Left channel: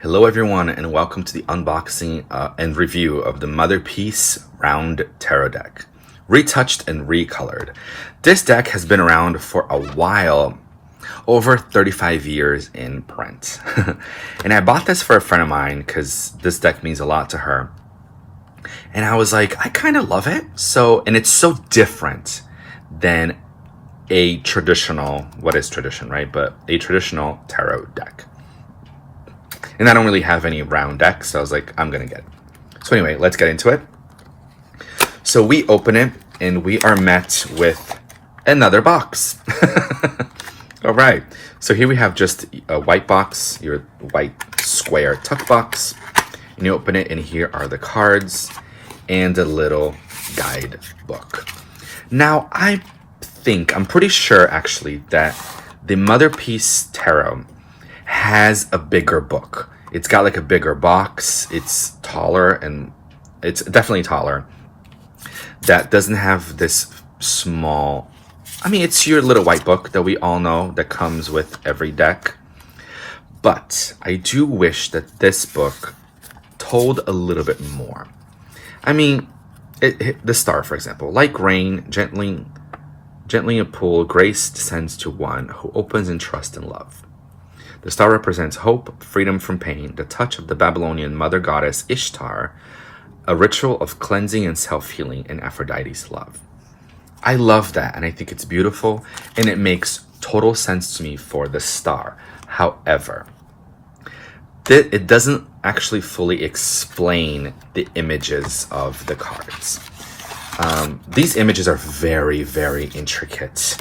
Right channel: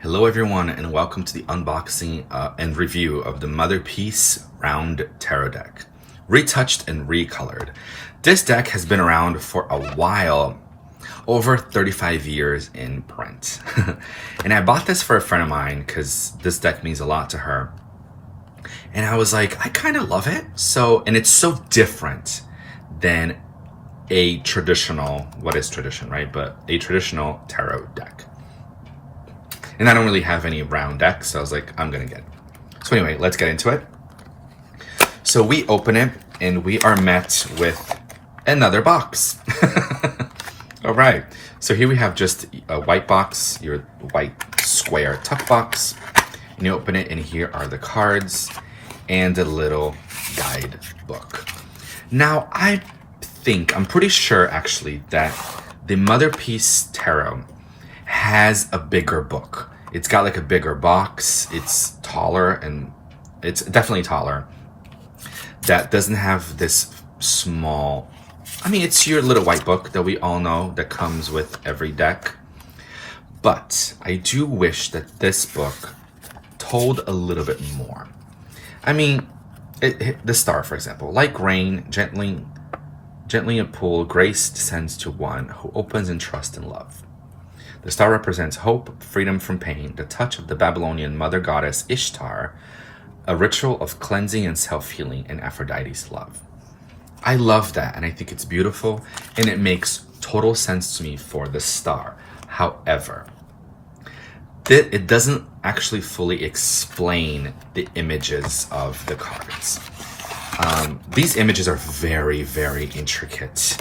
Hello everyone and welcome to the unboxing and review of the Motherpeace Round Tarot deck. Retouched and recolored. This deck has been around for a while, over 35 years in print. And I bought this for a friend of mine because this deck means a lot to her. And I was like, I kind of love it. And it's so different than a traditional, what is tradition, right? But a traditional tarot deck. And I don't really have any round decks, so I was like, I'm gonna get it. So anyway, let's get into it. So we open it and we are met with another box. All right, so here we have just a white box, your white square tuck box. And you open it and here are the cards and a little guide book. Now I'm pretty sure actually that the Motherpeace Tarot has a bigger book. It's got like a bigger box. It's taller and it's definitely taller. That doesn't have this small, it's your little white book that we all know that comes with every deck. But I do wish that this book told a little bit more. The star, for example, like rain, gently a pool, grace descends to one who opens in trust and love. The star represents hope, freedom from pain, the touch of the Babylonian mother goddess Ishtar, a ritual of cleansing and self-healing in Aphrodite's love. I love that, and I think it's beautiful, and it makes total sense to me for the star. However, it doesn't actually fully explain the images of the cards. These images are very, very intricate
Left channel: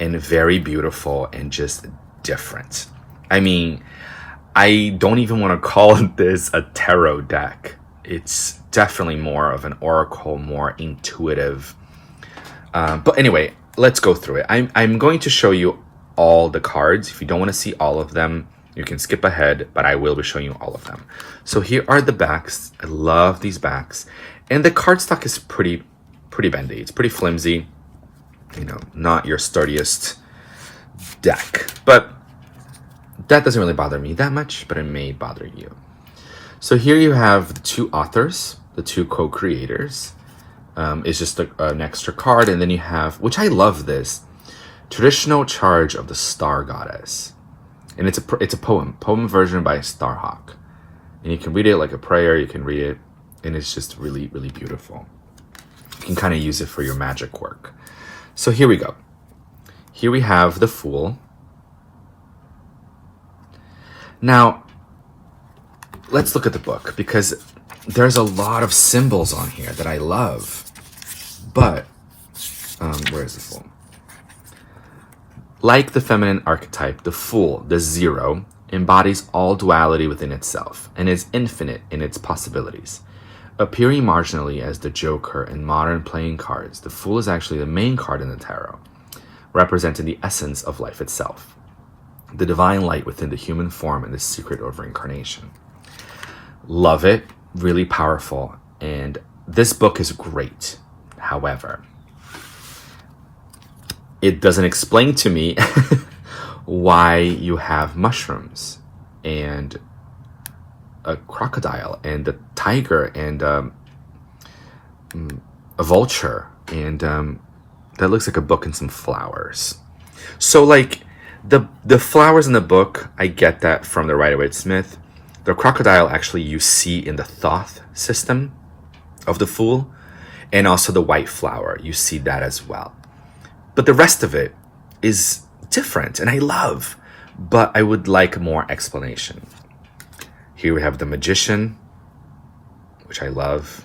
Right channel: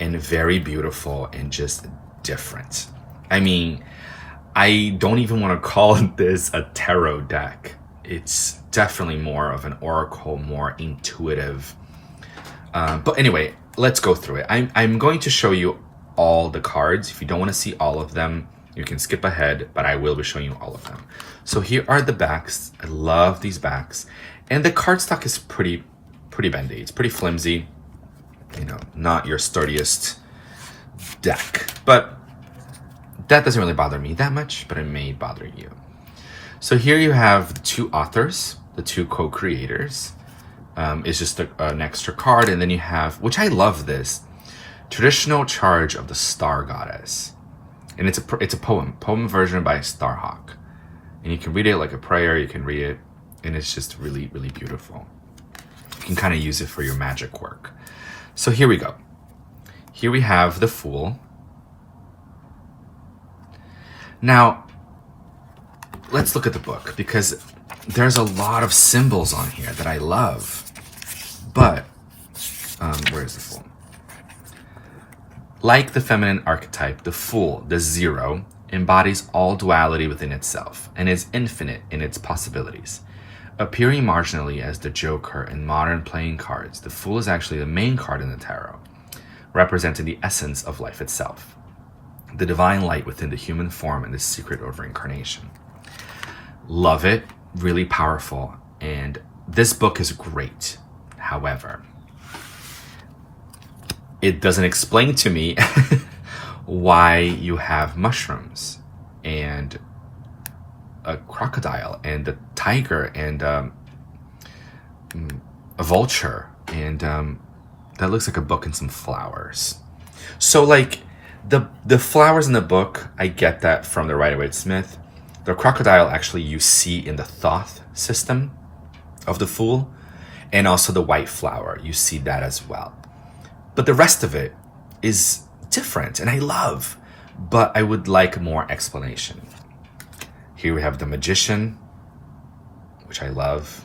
and very beautiful and just different. I don't even want to call this a tarot deck. It's definitely more of an oracle, more intuitive. But anyway, let's go through it. I'm going to show you all the cards. If you don't want to see all of them, you can skip ahead, but I will be showing you all of them. So here are the backs. I love these backs. And the cardstock is pretty bendy. It's pretty flimsy. Not your sturdiest deck. But that doesn't really bother me that much, but it may bother you. So here you have the two authors, the two co-creators. It's just an extra card, and then you have, which I love this, Traditional Charge of the Star Goddess. And it's a poem version by Starhawk. And you can read it like a prayer, you can read it, and it's just really, really beautiful. You can kind of use it for your magic work. So here we go. Here we have the Fool. Now, let's look at the book, because there's a lot of symbols on here that I love. But, where is the Fool? Like the feminine archetype, the Fool, the Zero, embodies all duality within itself and is infinite in its possibilities. Appearing marginally as the Joker in modern playing cards, the Fool is actually the main card in the tarot, representing the essence of life itself. The divine light within the human form and the secret of reincarnation. Love it, really powerful, and this book is great. However, it doesn't explain to me why you have mushrooms and a crocodile and a tiger and a vulture and that looks like a book and some flowers. So like the flowers in the book, I get that from the Rider-Waite-Smith. The crocodile actually you see in the Thoth system of the Fool, and also the white flower, you see that as well. But the rest of it is different, and I love, but I would like more explanation. Here we have the Magician, which I love.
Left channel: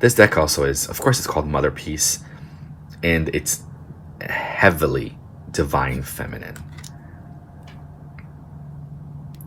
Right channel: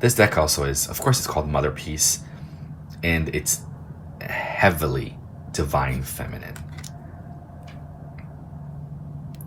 This deck also is, of course, it's called Motherpeace, and it's heavily divine feminine.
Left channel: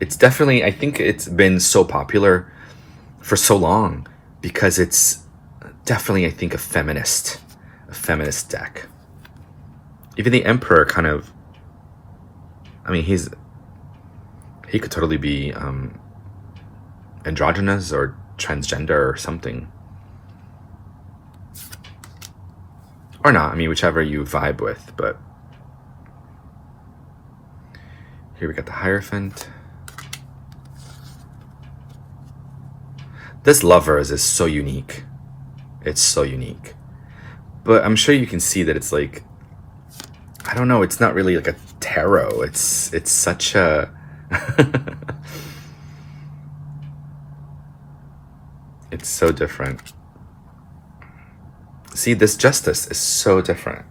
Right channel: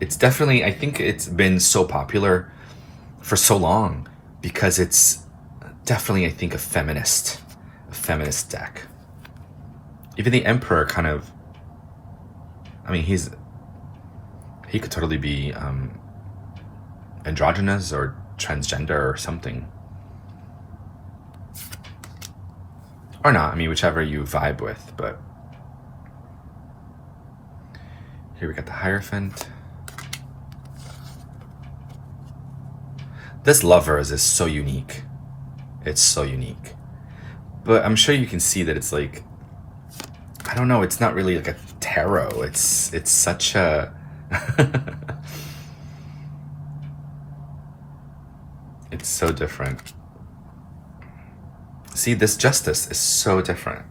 It's definitely, I think it's been so popular for so long because it's definitely, I think, a feminist deck. Even the Emperor kind of, he could totally be androgynous or transgender or something. Or not, I mean, whichever you vibe with, but here we got the Hierophant. This Lovers is so unique. It's so unique. But I'm sure you can see that it's like, I don't know, it's not really like a tarot. It's such a it's so different. See, this Justice is so different.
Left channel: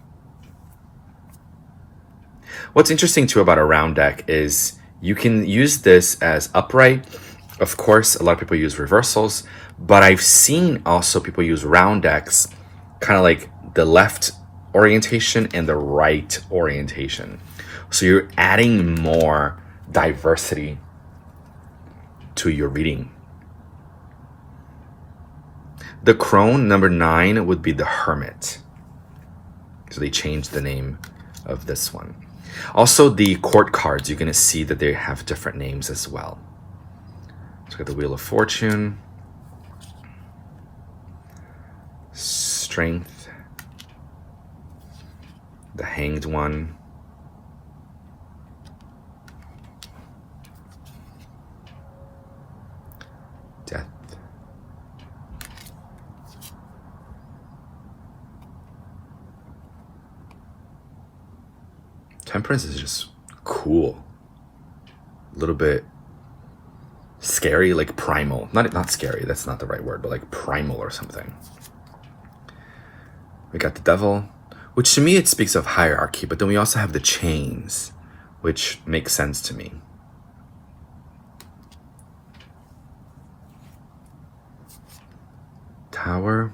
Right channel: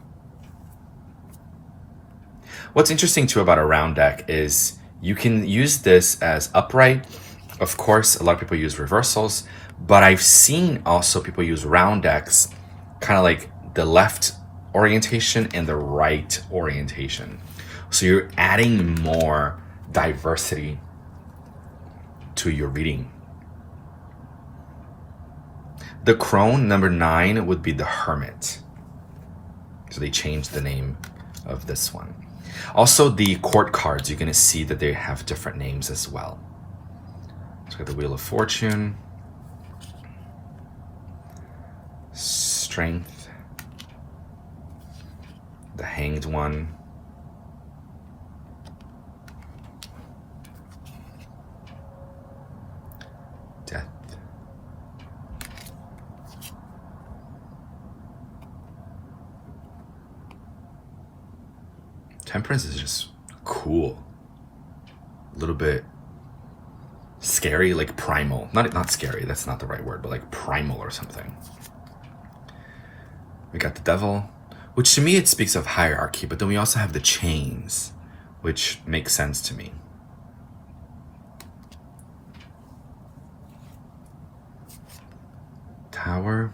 What's interesting too about a round deck is you can use this as upright. Of course, a lot of people use reversals, but I've seen also people use round decks, kind of like the left orientation and the right orientation. So you're adding more diversity to your reading. The crone, number 9, would be the Hermit. So they changed the name of this one. Also, the court cards, you're going to see that they have different names as well. So we got the Wheel of Fortune, Strength, the Hanged One, Death, Temperance is just cool. A little bit scary, like primal. Not scary, that's not the right word, but like primal or something. We got the Devil, which to me it speaks of hierarchy, but then we also have the Chains, which makes sense to me. Tower.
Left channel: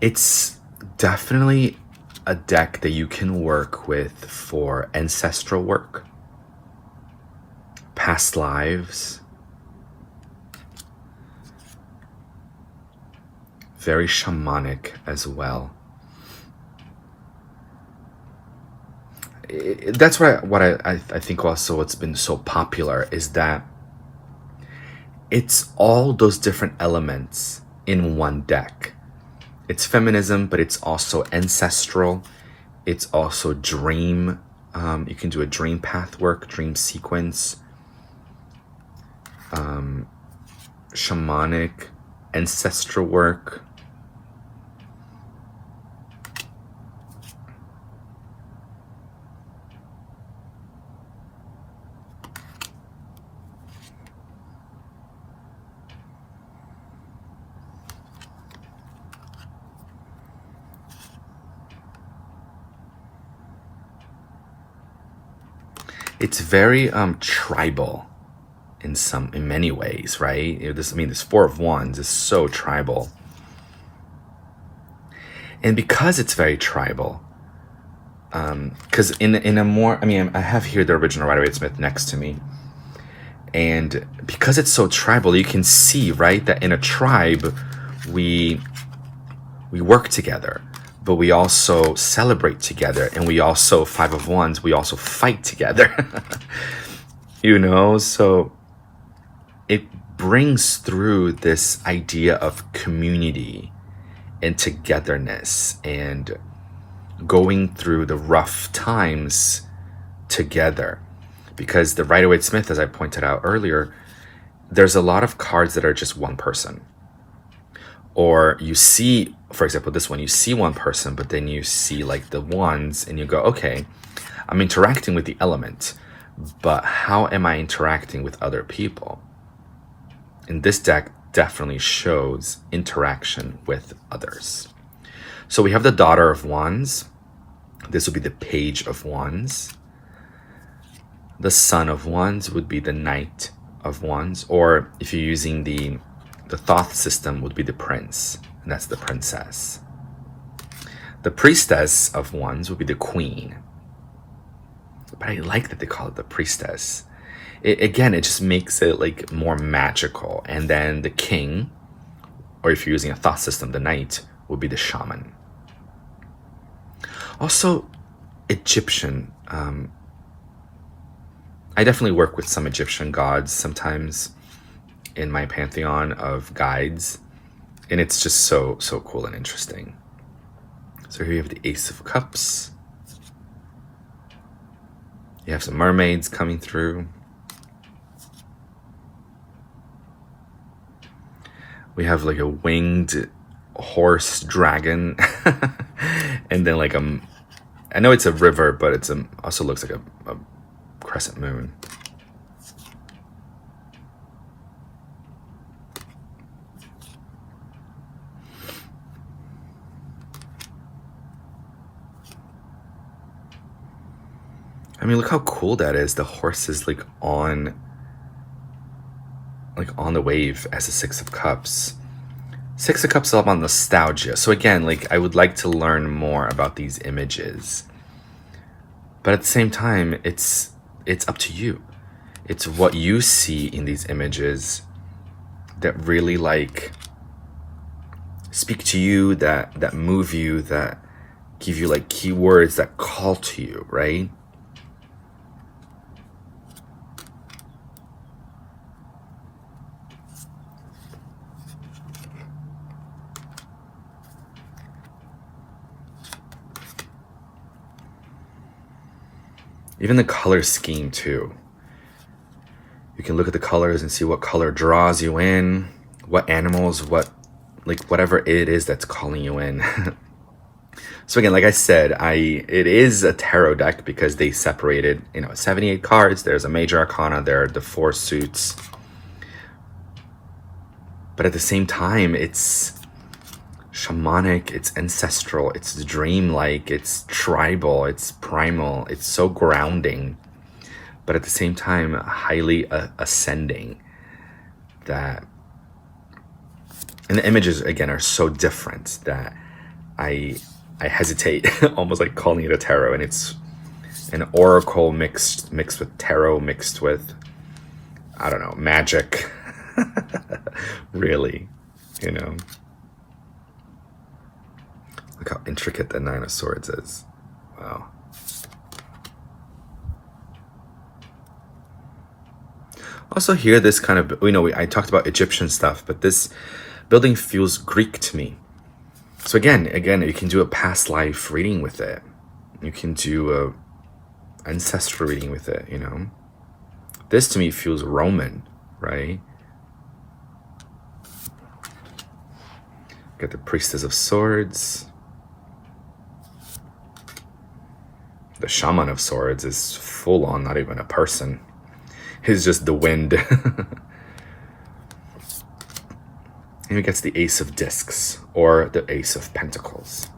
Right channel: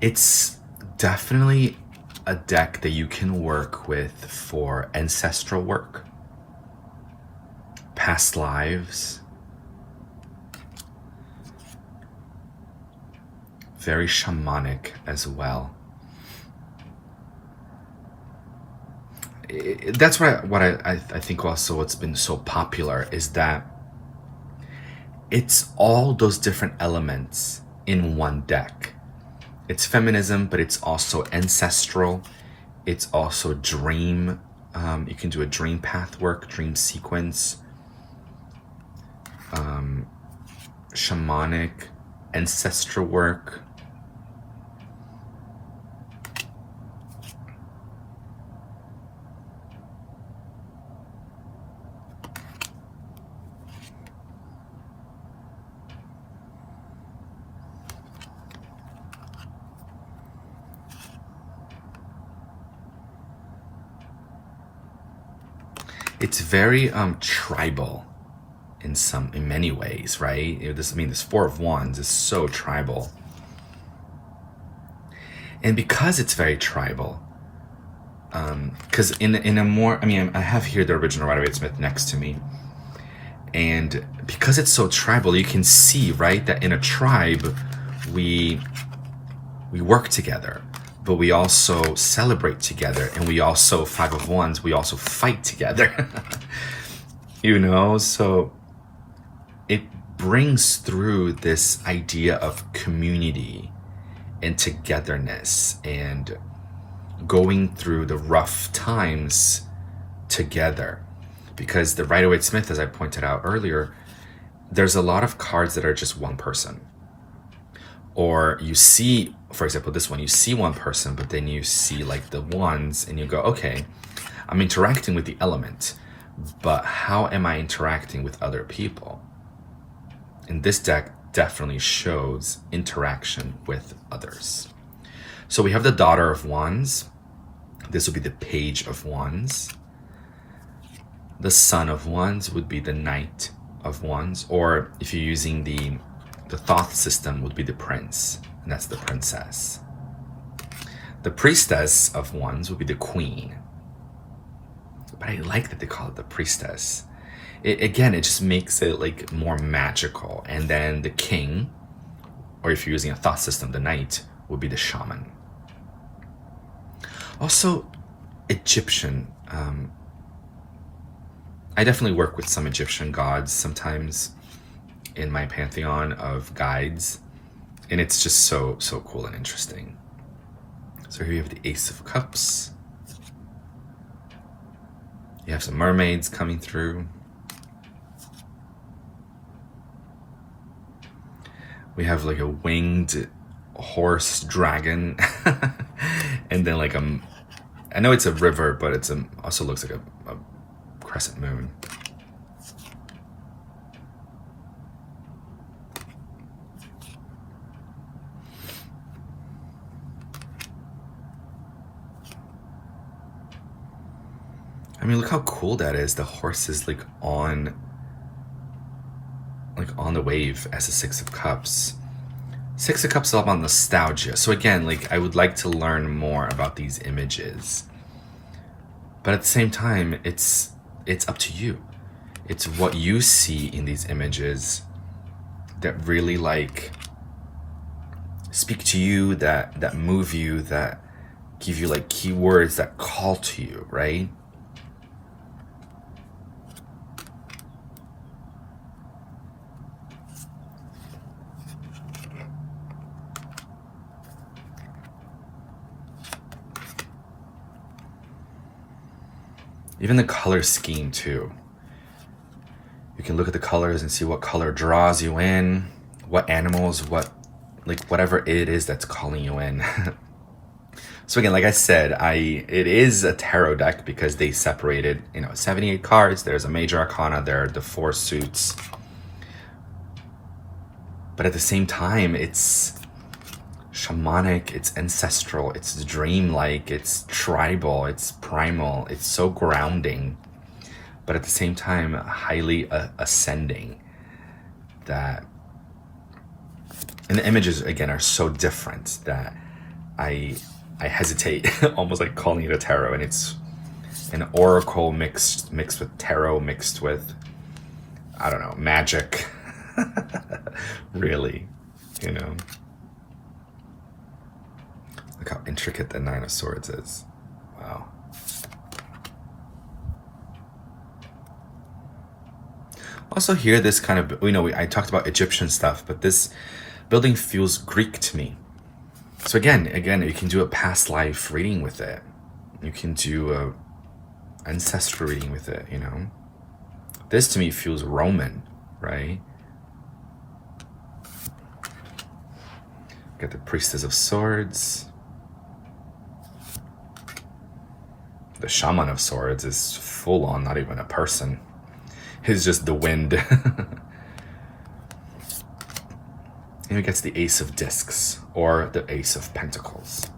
It's definitely a deck that you can work with for ancestral work, past lives, very shamanic as well. That's what I think also what's been so popular is that it's all those different elements in one deck. It's feminism, but it's also ancestral. It's also dream. You can do a dream path work, dream sequence, shamanic, ancestral work. It's very tribal in many ways, right? This 4 of Wands is so tribal. And because it's very tribal, because in a more, I have here the original Rider-Waite-Smith next to me, and because it's so tribal, you can see, right, that in a tribe we work together, but we also celebrate together, and we also, 5 of Wands, we also fight together. So it brings through this idea of community and togetherness and going through the rough times together. Because the Rider-Waite-Smith, as I pointed out earlier, there's a lot of cards that are just one person. Or you see, for example, this one, you see one person, but then you see like the Wands and you go, okay, I'm interacting with the element, but how am I interacting with other people? And this deck definitely shows interaction with others. So we have the Daughter of Wands. This would be the Page of Wands. The Son of Wands would be the Knight of Wands, or if you're using the Thoth system, would be the Prince, and that's the Princess. The Priestess of Wands would be the Queen. But I like that they call it the Priestess. It just makes it like more magical. And then the King, or if you're using a Thoth system, the Knight, would be the Shaman. Also, Egyptian. I definitely work with some Egyptian gods sometimes in my pantheon of guides. And it's just so cool and interesting. So here you have the Ace of Cups. You have some mermaids coming through. We have like a winged horse dragon. And then like I know it's a river, but it's also looks like a crescent moon. I mean, look how cool that is. The horse is like on the wave as a Six of Cups. Six of Cups is all about nostalgia. So again, like I would like to learn more about these images. But at the same time, it's up to you. It's what you see in these images that really like speak to you, that move you, that give you like keywords that call to you, right? Even the color scheme too. You can look at the colors and see what color draws you in, what animals, whatever it is that's calling you in. So again, like I said, it is a tarot deck because they separated, 78 cards. There's a major arcana, there are the 4 suits. But at the same time, it's shamanic, it's ancestral, it's dreamlike, it's tribal, it's primal, it's so grounding, but at the same time highly ascending. And the images again are so different that I hesitate almost like calling it a tarot, and it's an oracle mixed with tarot, mixed with, I don't know, magic. Really, Look how intricate the Nine of Swords is. Wow. Also here, this kind of, I talked about Egyptian stuff, but this building feels Greek to me. So again, you can do a past life reading with it. You can do a ancestral reading with it, This to me feels Roman, right? Got the Priestess of Swords. The Shaman of Swords is full on, not even a person. He's just the wind. And he gets the Ace of Discs, or the Ace of Pentacles.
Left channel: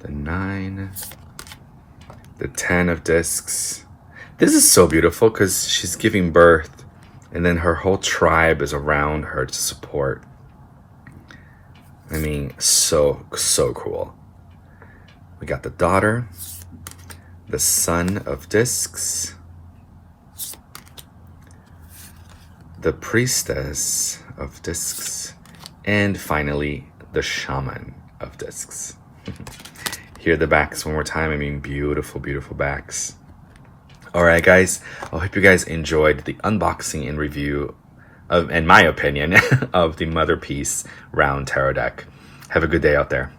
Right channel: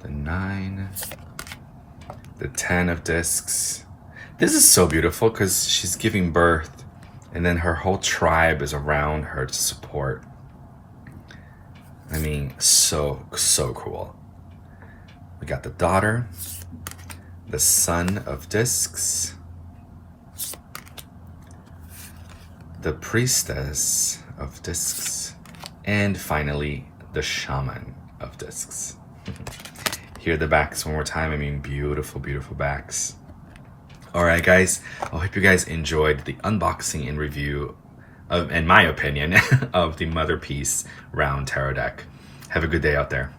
The 9, the 10 of discs. This is so beautiful because she's giving birth and then her whole tribe is around her to support. I mean, so cool. We got the daughter, the son of discs, the priestess of discs, and finally the shaman of discs. Here are the backs one more time. I mean, beautiful backs. All right, guys. I hope you guys enjoyed the unboxing and review of, in my opinion, of the Motherpeace round tarot deck. Have a good day out there.